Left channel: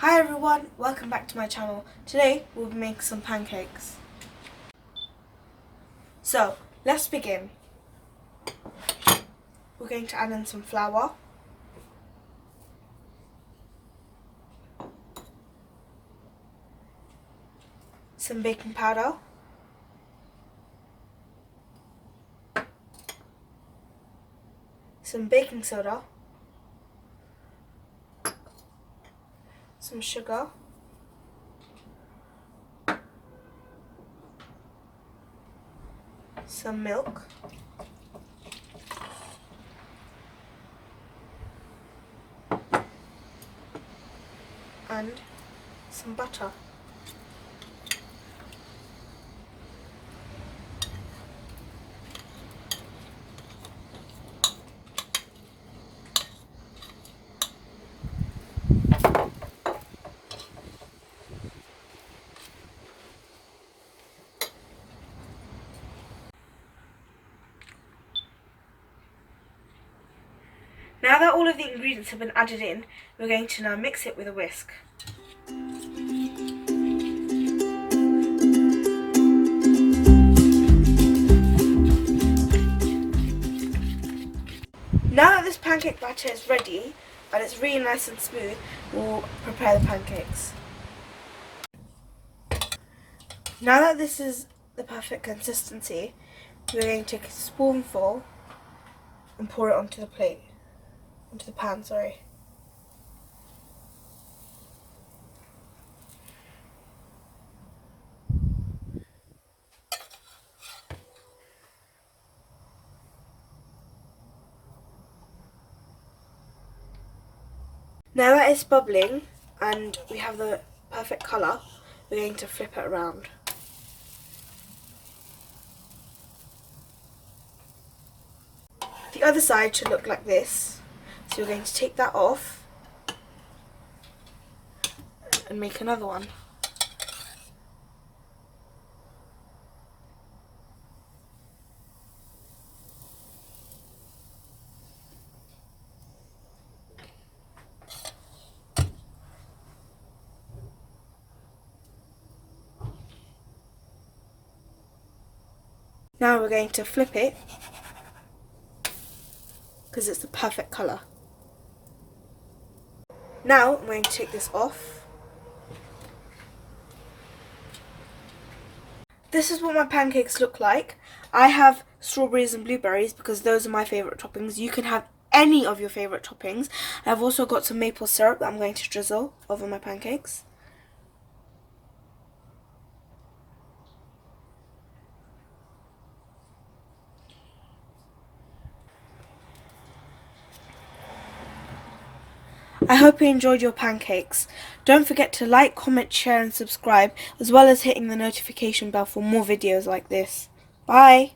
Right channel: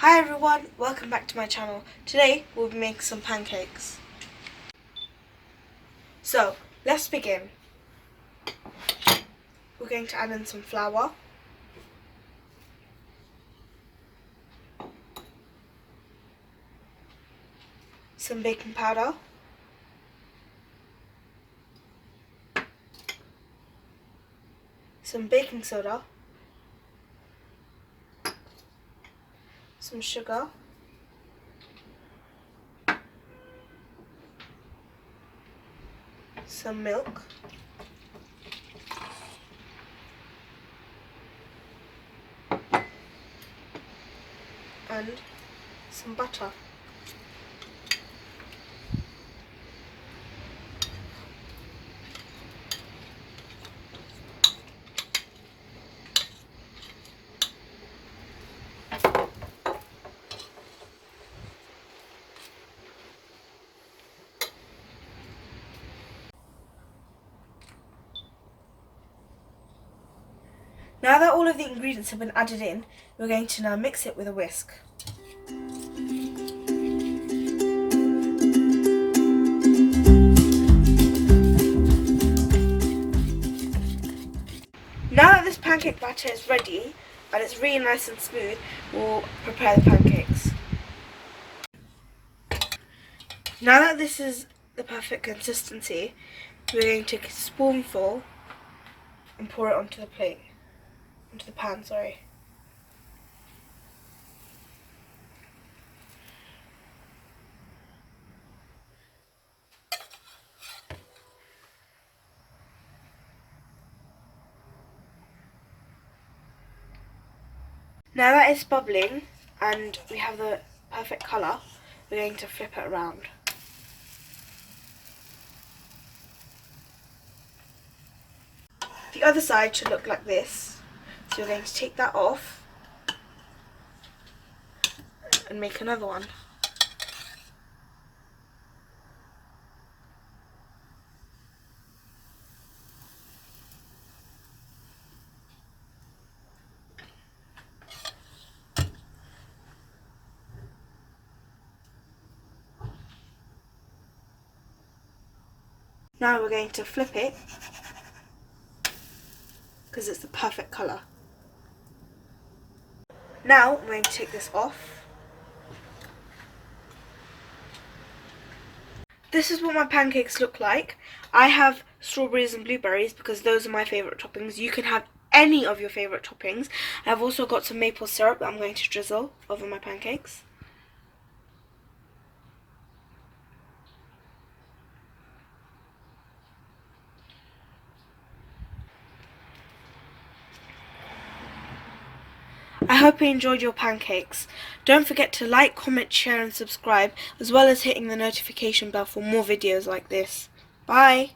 Hi everyone, welcome back to my channel. Today we'll be making some pancakes. So, let's begin. We're going to add in some flour, some baking powder, some baking soda, some sugar, some milk, and some butter. Now that all of the ingredients have been added in, we're going to now mix it with a whisk. Now that this pancake batter is ready and it's really nice and smooth, we'll prepare the pancakes. Now that this is the perfect consistency, we're going to take a spoonful and pour it onto the plate. Onto the pan, sorry. Now that it's bubbling and we have the perfect colour, we're going to flip it around. The other side should look like this. So we're going to take that off and make another one. Now we're going to flip it because it's the perfect colour. Now I'm going to take this off. This is what my pancakes look like. I have strawberries and blueberries because those are my favourite toppings. You can have any of your favourite toppings. I've also got some maple syrup that I'm going to drizzle over my pancakes. I hope you enjoyed your pancakes. Don't forget to like, comment, share and subscribe, as well as hitting the notification bell for more videos like this. Bye!